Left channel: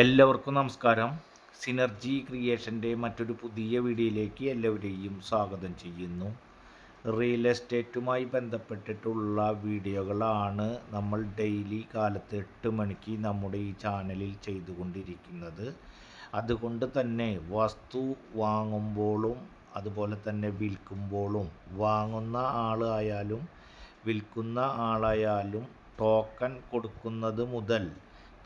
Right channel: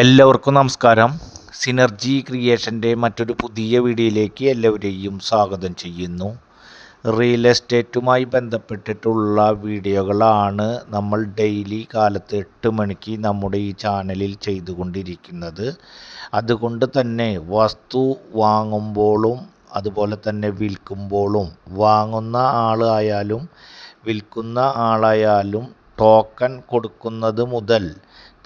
എല്ലാവർക്കും നമസ്കാരം. സിനർജി ക്രിയേഷന്റെ മറ്റൊരു പുതിയ വീഡിയോയിലേക്ക് എല്ലാവരെയും സ്വാഗതം ചെയ്യുന്നു. റിയൽ എസ്റ്റേറ്റുമായി ബന്ധപ്പെട്ടിട്ടുള്ള വീഡിയോകളാണ് നമ്മൾ ഡെയിലി കാലത്ത് എട്ട് മണിക്ക് നമ്മുടെ ഈ ചാനലിൽ ചെയ്തുകൊണ്ടിരിക്കുന്നത്. അതുകൊണ്ട് തന്നെ വസ്തു വാങ്ങുമ്പോഴും അതുപോലെ തന്നെ വിൽക്കുമ്പോഴും വാങ്ങുന്ന ആളായാലും വിൽക്കുന്ന ആളായാലും ടോക്കൺ കൊടുക്കുന്നത് മുതൽ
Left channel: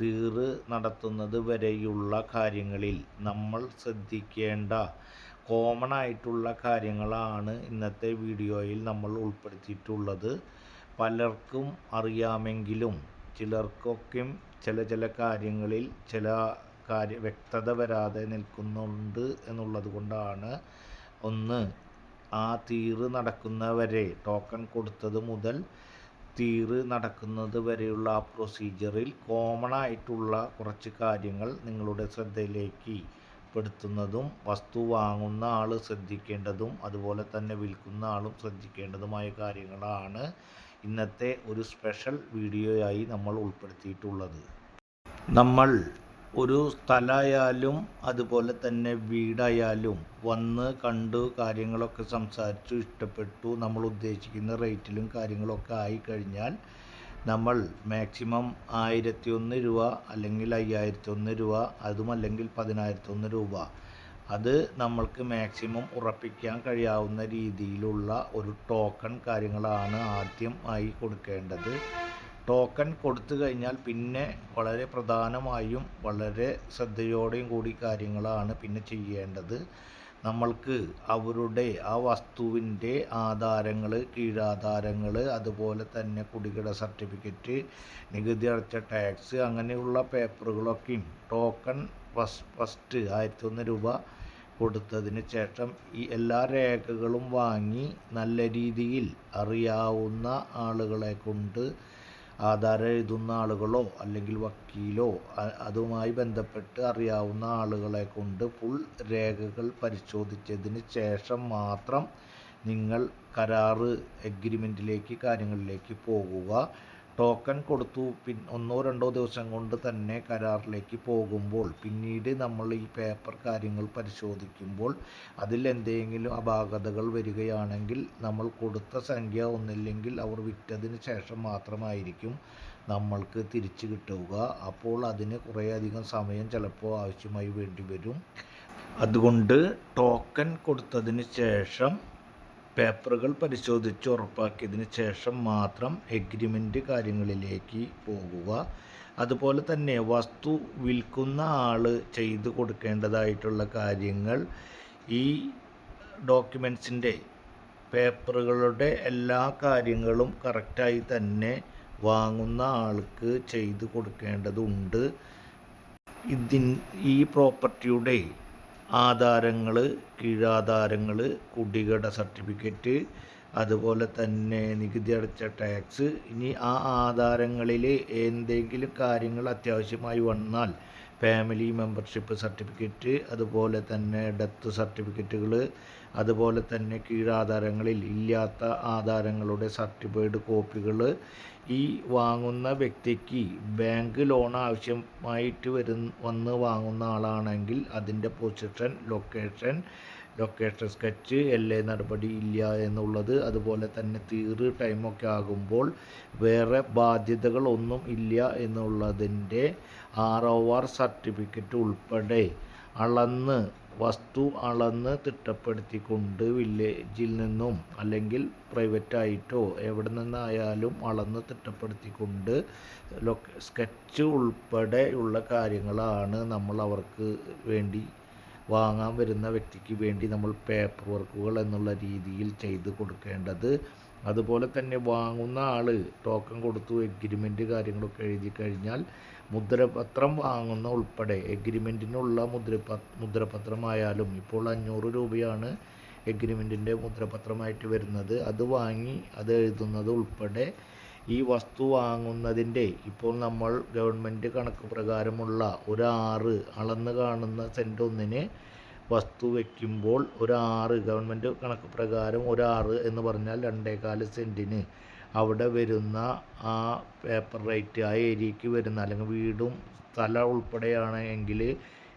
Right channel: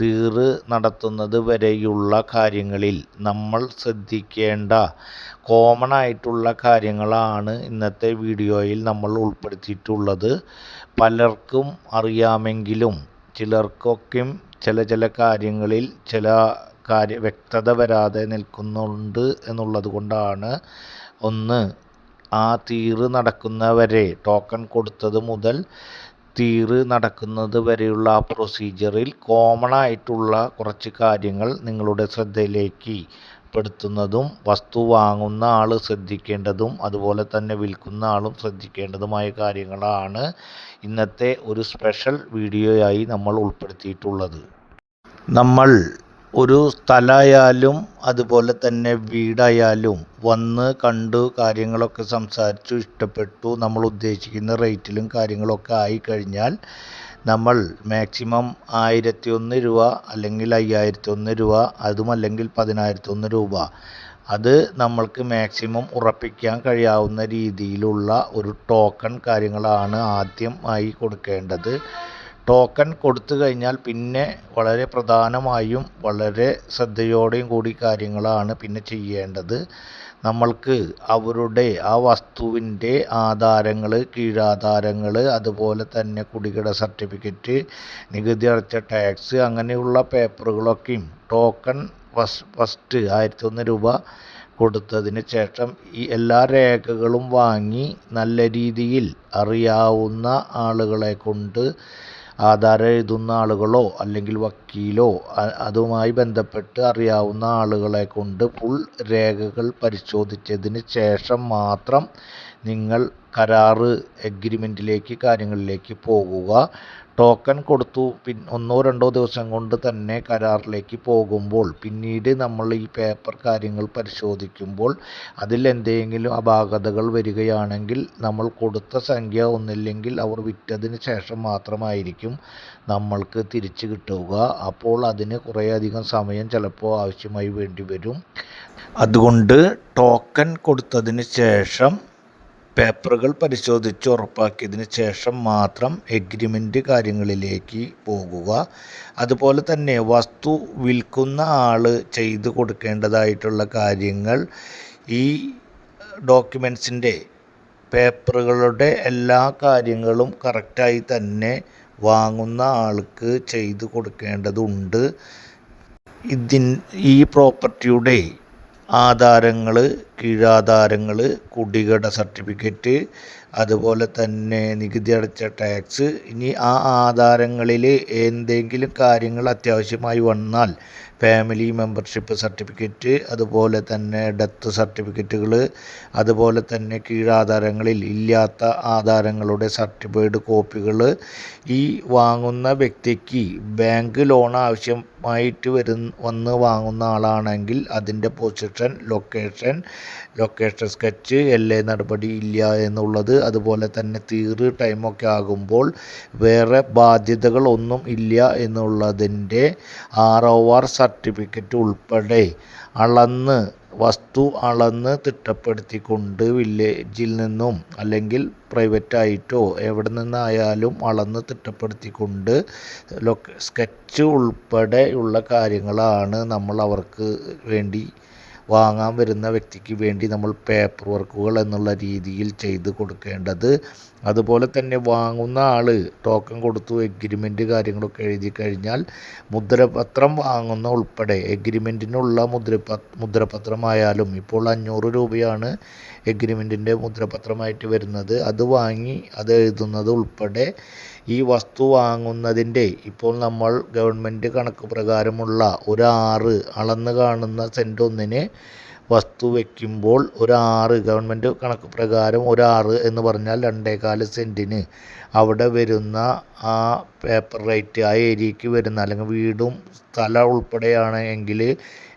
തീറ് നടത്തുന്നത് വരെയുള്ള കാര്യങ്ങളിൽ നമ്മൾ ശ്രദ്ധിക്കേണ്ട കോമൺ ആയിട്ടുള്ള കാര്യങ്ങളാണ് ഇന്നത്തെ വീഡിയോയിൽ നമ്മൾ ഉൾപ്പെടുത്തിയിട്ടുള്ളത്. പലർക്കും അറിയാമെങ്കിലും ചിലർക്കൊക്കെയും ചില ചില കാര്യങ്ങളിൽ ചില കാര്യ വ്യക്തത വരാതെ നിൽക്കുന്നുണ്ട് എന്നുള്ളത് കൊണ്ടാണ്. ഒന്ന് ആ തീറ് നടക്കുന്നവരെ ടോക്കൺ കൊടുത്തത് മുതൽ തീറ് നടക്കുന്നത് വരെയുള്ള ആ പ്രൊസീജിയറിൽ കോമൺ ആയിട്ടുള്ള കുറച്ച് കാര്യങ്ങൾ നിങ്ങളുടെ ശ്രദ്ധയിലേക്ക് പെടുത്തുന്നതും വസ്തു വാങ്ങുന്ന ആൾ ശ്രദ്ധിക്കേണ്ടതും അതുപോലെ തന്നെ വിൽക്കുന്ന ആളും ശ്രദ്ധിക്കേണ്ടതുമായ കാര്യങ്ങളാണ് ഇന്നത്തെ ഒരു സ്പെഷ്യൽ വീഡിയോയായി നമ്മൾ ഉൾപ്പെടുത്തിയിട്ടുള്ളത്. നമ്മൾ ഒരു സ്ഥലമായാലും അതുപോലെ തന്നെ വീടായാലും വന്ന് കണ്ടു കാര്യങ്ങളൊക്കെ സംസാരിച്ചു ഇഷ്ടപ്പെട്ടു നമ്മൾ ഉദ്ദേശിക്കുന്ന റേറ്റിലും കാര്യങ്ങളൊക്കെ ആയി കഴിഞ്ഞാൽ നമ്മൾ മാക്സിമം ആയിരത്തി ഒന്ന് രൂപ അല്ലെങ്കിൽ അയ്യായിരത്തി ഒന്ന് രൂപ അതുമല്ലെങ്കിൽ പതിനായിരത്തി ഒന്ന് രൂപ. അത് നമ്മൾക്ക് മാക്സിമം ഉറപ്പിക്കാൻ കഴിയാവുന്ന രീതിയിലുള്ള ഒരു ടോക്കൺ കാര്യങ്ങളാണ് ആദ്യം ആയി കൊടുക്കേണ്ടത്. ടോക്കൺ കൊടുത്തു കഴിഞ്ഞാൽ പിന്നെ വളരെ പ്രധാനമായും വളരെ ശ്രദ്ധയോടെയും കൂടി കാര്യങ്ങളാണ് പിന്നെ ചെയ്യേണ്ടത്. നമ്മൾക്ക് അവരുടെ ആ വസ്തുവിന്റെ ആധാരങ്ങൾ കീഴാധാരങ്ങൾ അതുപോലെ തന്നെ കുടികിട സർട്ടിഫിക്കറ്റ് നികുതി അടച്ച ടാക്സ് അങ്ങനെയുള്ള പേപ്പറുകളൊക്കെയും ടോക്കൺ ഫസ് ഫസ്റ്റ് ആയിരത്തി ഒന്ന് രൂപ കൊടുത്തതിന് ശേഷം ഈ എല്ലാ രേഖകളും വാങ്ങി നല്ല രീതിയിൽ അറിയാവുന്ന ആളുകളെ കൊണ്ട് ആധാരം എഴുതുന്ന ആളുകളോ അല്ലെങ്കിൽ വക്കീലോ അതുമായി ബന്ധപ്പെട്ട് അറിയാവുന്ന ആളുകളെ കൊണ്ട് ഫുൾ രേഖകൾ പരിശോധിച്ചതിന് ശേഷം മാത്രം നിങ്ങൾ കരാറ് എഗ്രിമെന്റിലേക്ക് കാര്യങ്ങളിലേക്ക് പോകുക. ടോക്കൺ കൊടുത്തു. പിൻ ഒന്നോ രണ്ടോ ദിവസം കൊണ്ട് തന്നെ കരാറിലേക്ക് പോകുമ്പോൾ പിന്നീട് നമ്മൾ ഈ പേപ്പർ കാര്യങ്ങൾ പരിശോധിക്കുമ്പോൾ അതിൽ എന്തെങ്കിലും അപാകതകൾ വരികയാണെങ്കിൽ നമ്മൾ കൊടുത്ത സംഖ്യ ഒന്നില്ലെങ്കിൽ അവർ വിറ്റതിന് ശേഷം മാത്രമായിരിക്കും നമ്മൾക്ക് തിരിച്ചു കിട്ടുക. അപ്പോൾ അതിന് കുറേയധികം സമയം ചിലപ്പോൾ ആവശ്യമായി വേണ്ടി വരും. അതുകൊണ്ട് ടോക്കൺ കൊടുത്തതിന് ശേഷം പേപ്പറുകൾ പരിശോധിച്ച് ഉറപ്പാക്കിയതിന് ശേഷം മാത്രം എഗ്രിമെന്റ് കാര്യങ്ങളിലേക്ക് പോകുക. അതുപോലെ തന്നെ വസ്തു വിൽക്കുന്ന ആൾ ചെയ്തു കൊടുക്കേണ്ടതായിട്ടുള്ള കാര്യങ്ങൾ ഈ ഡോക്യുമെൻസിന്റെ പേപ്പറുകളുടെ എല്ലാ കാര്യങ്ങളും കറക്റ്റായി തന്നെ വാങ്ങുന്ന ആൾക്ക് ചെയ്തു കൊടുക്കേണ്ടതുണ്ട്. ഇതിൻ ഈ പ്രോപ്പർട്ടിയുടെ ആധാരങ്ങൾ കീഴാധാരങ്ങൾ കുടികട സർട്ടിഫിക്കറ്റ് അതുപോലെ തന്നെ നികുതി അടച്ച ടാക്സ് ഇനി ആ ആധാരങ്ങളിൽ എന്തെങ്കിലും കാര്യങ്ങൾ അത്യാവശ്യമായി വന്നാൽ ഫാമിലി മെമ്പർഷിപ്പ് സർട്ടിഫിക്കറ്റ് അതുപോലെ തന്നെ ഡെത്ത് സർട്ടിഫിക്കറ്റുകൾ അതുപോലെ തന്നെ കീഴാധാരങ്ങളിൽ ഇല്ലാത്ത ആധാരങ്ങളുടെ സർട്ടിഫൈഡ് കോപ്പികൾ ഈ വാങ്ങുന്ന വ്യക്തിക്ക് ബാങ്ക് ലോൺ ആവശ്യമായിട്ട് വരുന്ന വന്ന് വാങ്ങുന്ന ആളാണെങ്കിൽ അതിന്റെ position location location sketch L നടപടി ഇല്ല എന്നുള്ളത് അതുപോലെ തന്നെ തീറ് ടൈമൊക്കെ ആകുമ്പോൾ വേറെ ബാധ്യതകളൊന്നും ഇല്ല എന്നുള്ളതിന്റെ ആർ ഒ ആർ സർട്ടിഫിക്കറ്റ് ഉൾപ്പെടെ അളന്ന് വസ്തു അളന്ന് തിട്ടപ്പെടുത്തിക്കൊണ്ട് വില്ലേജിൽ നിന്നും അല്ലെങ്കിൽ പ്രൈവറ്റായിട്ടോ എവിടെ നിന്നായാലും അളന്ന് തിട്ടപ്പെടുത്തിക്കൊണ്ട് സ്കെച്ച് ഉൾപ്പെടെയുള്ള കാര്യങ്ങളാണ് നമ്മൾ അവർക്ക് വേണ്ടി വാങ്ങാൻ വരുന്ന വ്യക്തിക്ക് വേണ്ടി നമ്മൾ പേപ്പർ വർക്കുകൾ എന്നുള്ള രീതിയിൽ ചെയ്ത് കൊടുക്കേണ്ടത്. അതുപോലെ തന്നെ വാങ്ങുന്ന ആൾ ടോക്കൺ കൊടുത്തു എഗ്രിമെന്റ് കാര്യങ്ങളൊക്കെ എഴുതി കഴിഞ്ഞാൽ മുദ്രപത്രം വാങ്ങുന്ന ഉൾപ്പെടെ എഗ്രിമെന്റിനുള്ള മുദ്രപ മുദ്രപത്രമായാലും ഇപ്പോൾ അഞ്ഞൂറ് രൂപയാണ് എഗ്രിമെന്റിന്റെ മുദ്രപത്രമായിട്ട് വരുന്നത്. അത് വാങ്ങി അത് എഴുതുന്നത് ഉൾപ്പെടെ ഈ വസ്തു വാങ്ങുന്നതിന്റെ ഇപ്പോൾ നമ്മൾ ഗവൺമെന്റ് കണക്ക് പ്രകാരമുള്ള ഒരു ആറ് അളന്ന് കാണുന്ന സെന്റ് ഒന്നിന് വസ്തു വയ്ക്കുമ്പോൾ ഒരു ആറ് ഗവൺമെന്റ് കണക്ക് പ്രകാരം ഒരു ആറ് എന്ന് പറഞ്ഞാൽ രണ്ടേകാൽ സെന്റിന് അവിടെ വരുന്ന ആ പേപ്പർ റേറ്റ് ആ ഏരിയയ്ക്ക് വരുന്ന അല്ലെങ്കിൽ വീടും സ്ഥലം ഉൾപ്പെടെയാണ് എങ്കിൽ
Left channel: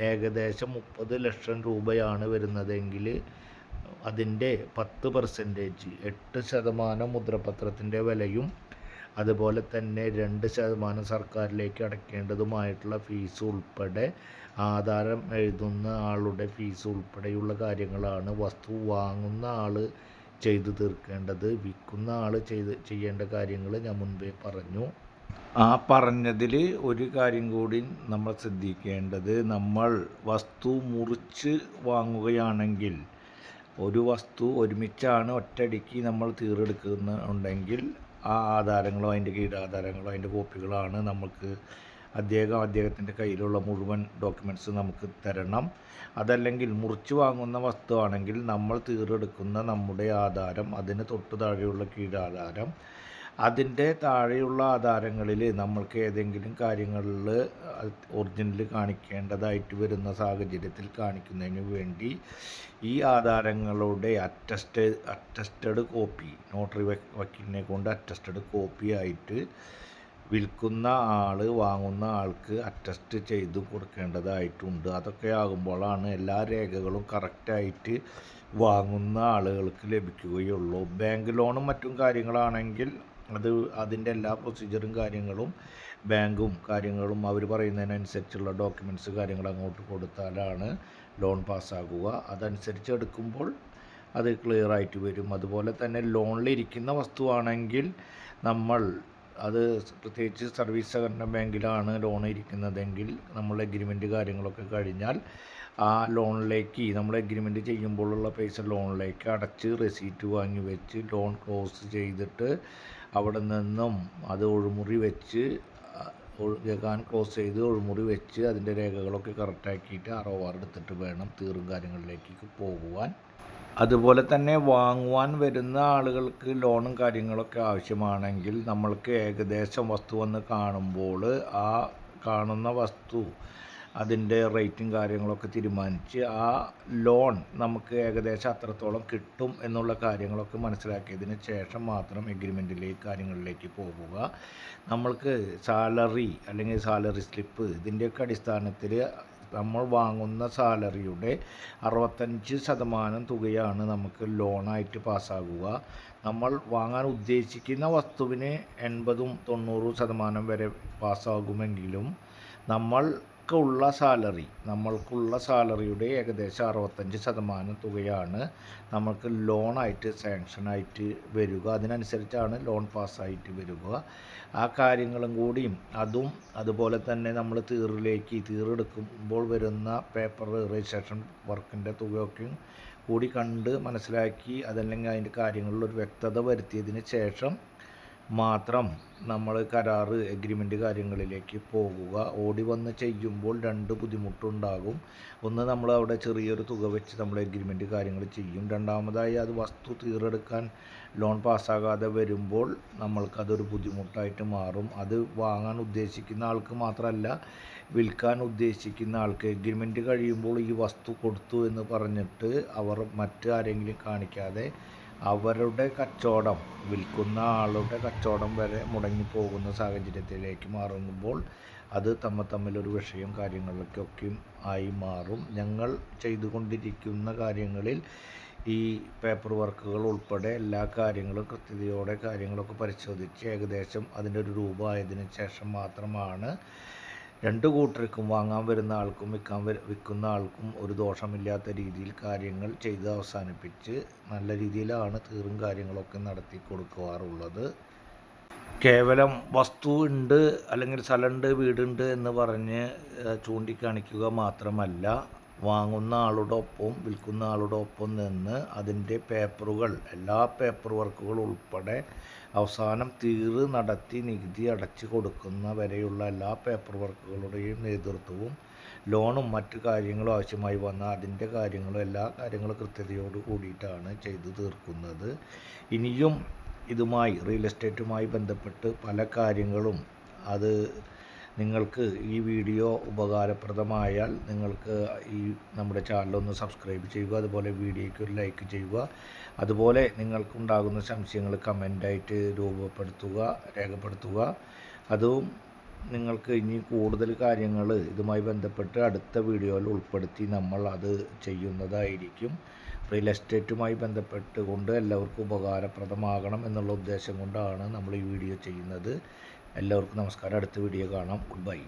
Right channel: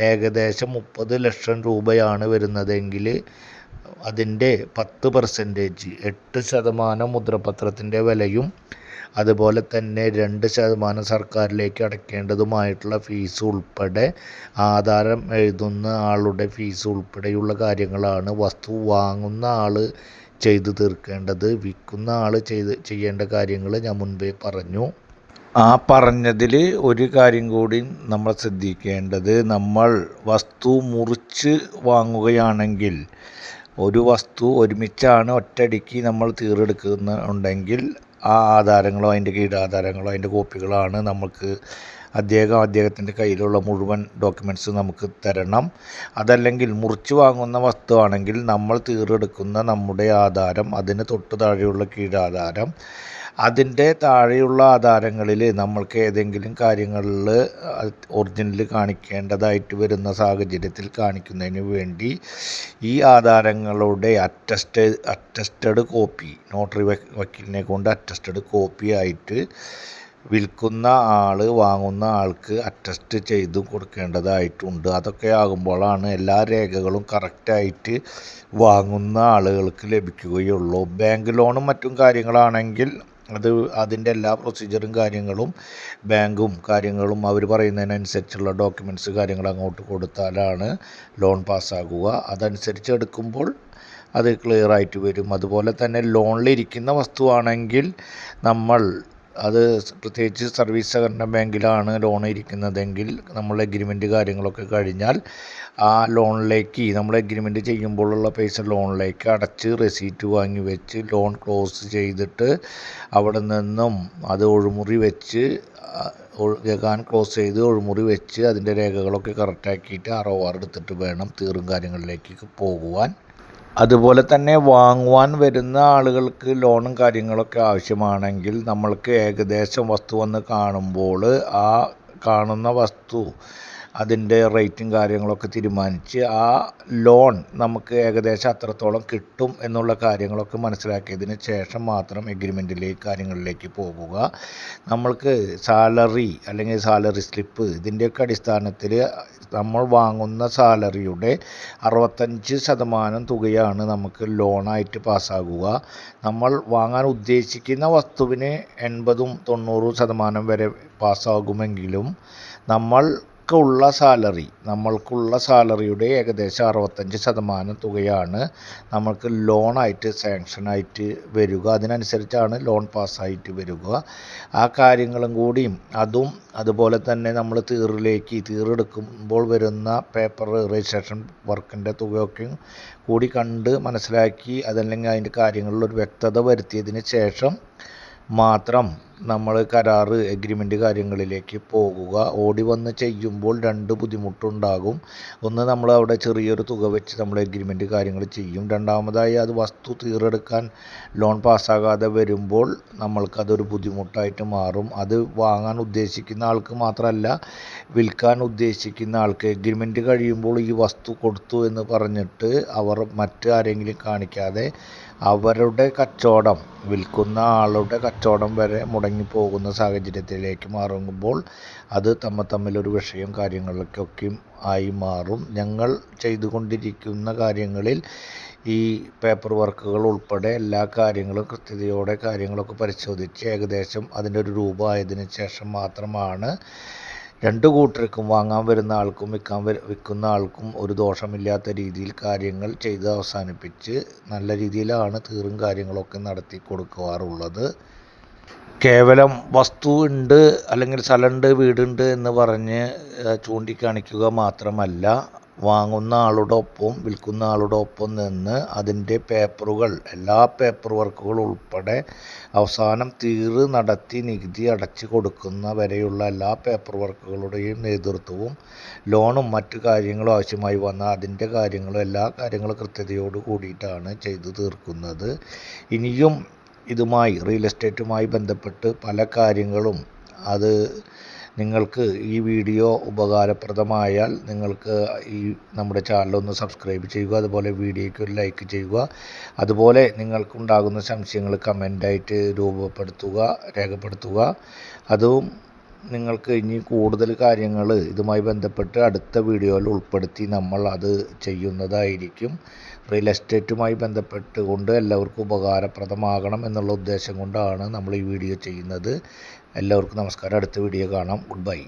ഏകദേശം മുപ്പത് ലക്ഷം രൂപയാണ് വരുന്നതെങ്കിൽ അതിന്റെ പത്ത് പെർസെന്റേജ് എട്ട് ശതമാനം മുദ്രപത്രത്തിന്റെ വിലയും അതുപോലെ തന്നെ രണ്ട് ശതമാനം സർക്കാരിലേക്ക് അടയ്ക്കേണ്ടതുമായിട്ടുള്ള ഫീസ് ഉൾപ്പെടെ ആധാരം എഴുതുന്ന ആളുടെ ഫീസ് ഉൾപ്പെടെയുള്ള കാര്യങ്ങളാണ് വസ്തു വാങ്ങുന്ന ആൾ ചെയ്തു തീർക്കേണ്ടത് വിൽക്കുന്ന ആൾ ചെയ്ത് ചെയ്യേണ്ട കാര്യങ്ങൾ ഞാൻ മുൻപേ പറഞ്ഞു. ആ പറഞ്ഞതിൽ ഒരു കാര്യം കൂടി നമ്മൾ ശ്രദ്ധിക്കേണ്ടത്. നമ്മൾ വസ്തു മുറിച്ച് വാങ്ങുകയാണെങ്കിൽ ഒരു വസ്തു ഒരുമിച്ചാണ് ഒറ്റയടിക്ക് നമ്മൾ തീർച്ചെടുക്കുന്നുണ്ടെങ്കിൽ ആ ആധാരങ്ങളോ അതിന്റെ കീഴാധാരങ്ങളോ അതിന്റെ കോപ്പികളാണ് നമുക്ക് അദ്ദേഹം അദ്ദേഹത്തിന്റെ കയ്യിലുള്ള മുഴുവൻ ഡോക്യുമെന്റ്സ് നമുക്ക് തരണം. അതല്ലെങ്കിൽ മുറിച്ച് വാങ്ങുന്ന വസ്തുവാണെങ്കിൽ നമ്മൾ തീർച്ചെടുക്കുന്ന നമ്മുടെ ആധാരം അതിന് തൊട്ട് താഴെയുള്ള കീഴാധാരം അതിന്റെ താഴെയുള്ള ആധാരങ്ങളിൽ നമ്മൾക്ക് ഏതെങ്കിലും കാര്യങ്ങളിൽ ഒറിജിനൽ കാണിക്കേണ്ടതായിട്ട് വരുന്ന സാഹചര്യത്തിൽ കാണിക്കുന്നതിന് വേണ്ടി ഈ ആധാരങ്ങളുടെ അറ്റസ്റ്റ് അറ്റസ്റ്റഡ് കോപ്പി നോട്ടറി വക്കീലിനെ കൊണ്ട് അറ്റസ്റ്റഡ് കോപ്പി ആയിട്ട് വിൽക്കുന്ന ആൾ വാങ്ങുന്ന ആൾക്ക് അറ്റസ്റ്റ് ചെയ്തു കൊടുക്കേണ്ടതായിട്ടുണ്ട്. അതൊക്കെ ആകുമ്പോഴാണ് എല്ലാ രേഖകളും കറക്റ്റായിട്ട് വാങ്ങുന്ന ആളുകൾക്ക് ലഭിക്കുകയുള്ളൂ. ബാങ്ക് ലോണും മറ്റും കാര്യങ്ങളാണെങ്കിൽ അത് അതിന്റെ എല്ലാ പ്രൊസീജിയറും കാര്യങ്ങളും ബാങ്കും കാര്യങ്ങളും അവർ പറയുന്നതിനനുസരിച്ചുള്ള ഡോക്യുമെന്റ്സ് കാര്യങ്ങൾ അങ്ങോട്ട് കൊടുത്താലാണ് ലോൺ പാസ്സാകുക അതനുസരിച്ച് എടുക്കുമ്പോൾ അത് ക്ലിയർ ആയിട്ട് വരും. അതുപോലെ തന്നെ ലോണിലിരിക്കുന്ന വസ്തുവാണെങ്കിൽ നമ്മൾ അത് പ്രത്യേകിച്ച് സർവീസ് സഹകരണ ബാങ്കിലാണ് ലോൺ ഇരിക്കുന്നതെങ്കിൽ നമ്മൾ എഗ്രിമെന്റ് കാര്യങ്ങളൊക്കെ കഴിഞ്ഞാൽ ആ ലോണിലേക്ക് നമ്മൾ എഗ്രിമെന്റ് ചെയ്യുമ്പോഴുള്ള പൈസ ലോണിലേക്ക് അടച്ച് റെസീറ്റ് വാങ്ങി വെച്ച് ലോൺ ക്ലോസ് ചെയ്തിട്ട് അവിടെ നിന്നും അത് ഒഴുമുറി വെച്ച് രേഖാൻ ക്ലോസ് ചെയ്ത് ഒഴുമുറി വെച്ച് അതിന്റെ രേഖകളൊക്കെ കറക്റ്റാക്കിയിട്ട് ആർ ഒ ആർ എടുത്തിട്ട് വേണം തീറും കാര്യങ്ങളിലേക്ക് പോകുവാൻ അതുപോലെ തന്നെ വാങ്ങുവാൻ വരുന്ന ആളുകൾക്ക് ലോണും കാര്യങ്ങളൊക്കെ ആവശ്യമാണെങ്കിൽ നമ്മൾക്ക് ഏകദേശം വസ്തു വന്ന് കാണുമ്പോൾ ആ കാണുന്ന വസ്തു അതിന്റെ റേറ്റും കാര്യങ്ങളൊക്കെ തീരുമാനിച്ച് ആ ലോൺ നമുക്ക് ഏകദേശം അത്രത്തോളം കിട്ടും എന്നുള്ള കാര്യങ്ങളൊക്കെ മനസ്സിലാക്കിയതിന് ശേഷം മാത്രം എഗ്രിമെന്റിലേക്ക് കാര്യങ്ങളിലേക്ക് പോവുക. നമ്മൾക്ക് സാലറി അല്ലെങ്കിൽ സാലറി സ്ലിപ്പ് ഇതിന്റെയൊക്കെ അടിസ്ഥാനത്തിൽ നമ്മൾ വാങ്ങുന്ന സാലറിയുടെ അറുപത്തഞ്ച് ശതമാനം തുകയാണ് നമുക്ക് ലോണായിട്ട് പാസ്സാകുക. നമ്മൾ വാങ്ങാൻ ഉദ്ദേശിക്കുന്ന വസ്തുവിന് എൺപതും തൊണ്ണൂറും ശതമാനം വരെ പാസ്സാകുമെങ്കിലും നമ്മൾ ഉള്ള സാലറി നമ്മൾക്കുള്ള സാലറിയുടെ ഏകദേശം അറുപത്തഞ്ച് ശതമാനം തുകയാണ് നമുക്ക് ലോണായിട്ട് സാങ്ഷനായിട്ട് വരിക. അതിനനുസരിച്ചാണ് ലോൺ പാസ്സായിട്ട് വരിക. ആ കാര്യങ്ങളും കൂടിയും അതും അതുപോലെ തന്നെ നമ്മൾ തീറിലേക്ക് തീറെടുക്കുമ്പോൾ വരുന്ന പേപ്പർ രജിസ്ട്രേഷൻ വർക്കിന്റെ തുകയൊക്കെയും കൂടി കണ്ട് മനസ്സിലാക്കി അതല്ലെങ്കിൽ അതിന്റെ കാര്യങ്ങളിൽ ഒരു വ്യക്തത വരുത്തിയതിന് ശേഷം മാത്രം നമ്മൾ കരാറ് എഗ്രിമെന്റ് കാര്യങ്ങളിലേക്ക് പോകുക. ഓടി വന്ന് ചെയ്യുമ്പോൾ രണ്ട് ബുദ്ധിമുട്ടുണ്ടാകും. ഒന്ന് നമ്മൾ അവിടെ ചെറിയൊരു തുക വെച്ച് നമ്മൾ എഗ്രിമെന്റ് കാര്യങ്ങൾ ചെയ്യും. രണ്ടാമതായി അത് വസ്തു തീർച്ചെടുക്കാൻ ലോൺ പാസ്സാകാതെ വരുമ്പോൾ നമ്മൾക്കതൊരു ബുദ്ധിമുട്ടായിട്ട് മാറും. അത് വാങ്ങാൻ ഉദ്ദേശിക്കുന്ന ആൾക്ക് മാത്രമല്ല വിൽക്കാൻ ഉദ്ദേശിക്കുന്ന ആൾക്ക്. എഗ്രിമെന്റ് കഴിയുമ്പോൾ ഈ വസ്തു കൊടുത്തു എന്ന് പറഞ്ഞിട്ട് അവർ മറ്റാരെങ്കിലും കാണിക്കാതെ അവരുടെ കച്ചവടം വിൽക്കുന്ന ആളുടെ കച്ചവടം വരെ മുടങ്ങിപ്പോകുന്ന സാഹചര്യത്തിലേക്ക് മാറുമ്പോൾ അത് തമ്മിൽ തമ്മിലൊരു വിഷയം കാര്യങ്ങളൊക്കെ ആയി മാറും. ഞങ്ങൾ ചെയ്തുകൊണ്ടിരിക്കുന്ന കാര്യങ്ങളിൽ ഈ പേപ്പർ വർക്കുകൾ ഉൾപ്പെടെ എല്ലാ കാര്യങ്ങളും കൃത്യതയോടെ കാര്യങ്ങളൊക്കെ പരിശോധിച്ച് ഏകദേശം അതിന്റെ ഒരു രൂപമായതിനു ശേഷം മാത്രമാണ് രണ്ട് കൂട്ടർക്കും വാങ്ങാൻ വരുന്ന ആൾക്കും വിൽക്കാൻ വിൽക്കുന്ന ആൾക്കും ഒരു ദോഷമില്ലാത്ത രീതിയിൽ കാര്യങ്ങൾ ചെയ്ത് അവസാനിപ്പിച്ച് നല്ല രീതിയിലാണ് തീറും കാര്യങ്ങളൊക്കെ നടത്തി കൊടുക്കാറുള്ളത് കേവലം വസ്തു ഉണ്ട് അല്ലെങ്കിൽ സ്ഥലമുണ്ട് വീടുണ്ട് എന്ന് പറഞ്ഞ് ചൂണ്ടിക്കാണിക്കുക മാത്രമല്ല. വാങ്ങുന്ന ആളുടെ ഒപ്പം വിൽക്കുന്ന ആളുടെ ഒപ്പം നിന്ന് അതിന്റെ പേപ്പറുകൾ എല്ലാ പേപ്പർ വർക്കുകൾ ഉൾപ്പെടെ അവസാനം തീറ് നടത്തി നികുതി അടച്ചു കൊടുക്കുന്ന വരെയുള്ള എല്ലാ പേപ്പർ വർക്കുകളുടെയും നേതൃത്വവും ലോണും മറ്റു കാര്യങ്ങളും ആവശ്യമായി വന്ന അതിന്റെ കാര്യങ്ങളും എല്ലാ കാര്യങ്ങളും കൃത്യതയോട് കൂടിയിട്ടാണ് ചെയ്തു തീർക്കുന്നത്. ഇനിയും ഇതുമായി റിയൽ എസ്റ്റേറ്റുമായി ബന്ധപ്പെട്ട് പല കാര്യങ്ങളും അത് നിങ്ങൾക്ക് ഈ വീഡിയോ ഉപകാരപ്രദമായാൽ നിങ്ങൾക്ക് ഈ നമ്മുടെ ചാനലൊന്ന് സബ്സ്ക്രൈബ് ചെയ്യുക അതുപോലെ വീഡിയോയ്ക്ക് ഒരു ലൈക്ക് ചെയ്യുക. അതുപോലെ നിങ്ങൾക്കുണ്ടാകുന്ന സംശയങ്ങൾ കമന്റായിട്ട് രൂപപ്പെടുത്തുക രേഖപ്പെടുത്തുക. അതും നിങ്ങൾക്ക് ഇനി കൂടുതൽ കാര്യങ്ങൾ ഇതുമായി ബന്ധപ്പെട്ട് അടുത്ത വീഡിയോയിൽ ഉൾപ്പെടുത്തി നമ്മൾ അത് ചെയ്യുന്നതായിരിക്കും. റിയൽ എസ്റ്റേറ്റുമായി ബന്ധപ്പെട്ട് കൊണ്ട് എല്ലാവർക്കും ഉപകാരപ്രദമാകണം എന്നുള്ള ഉദ്ദേശം കൊണ്ടാണ് നമ്മൾ ഈ വീഡിയോ ചെയ്യുന്നത്. എല്ലാവർക്കും നമസ്കാരം. അടുത്ത വീഡിയോ കാണാം. Good bye